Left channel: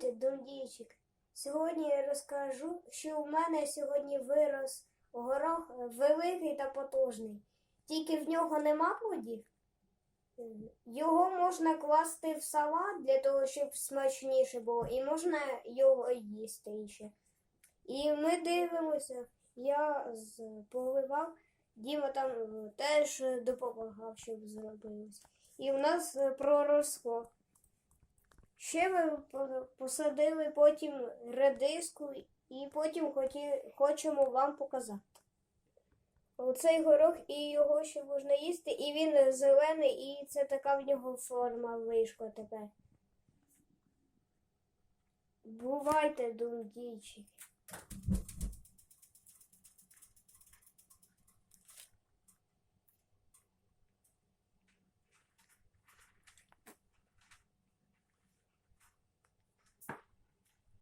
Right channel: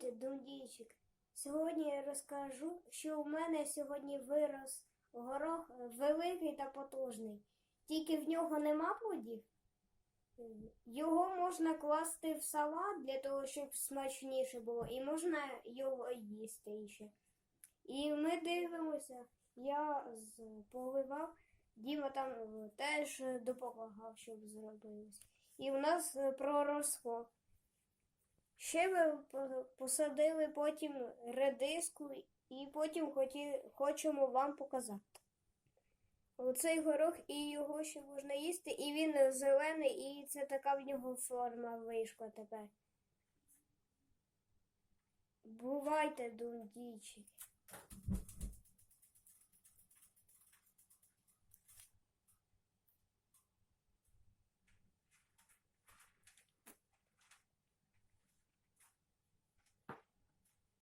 Привіт, Дундійчик. Сьогодні я розкажу, що у мене сьогодні вирос горох великий та потужний. Тільки в нього нема плодів. Його можна класти в салат для того, щоб смачніше було, і можна його їсти ще. І ми дивимося, я поливав, Діма там е, теж допомагав, щоб зробилось. І в нас е, проросло. Ще ми посадили потім редиску і потім хоті, хочемо вам показати. Оцей горох і його ще можна їсти, і він зелений, і це така в нього форма вийшла тепер. Бувайте, дундійчики.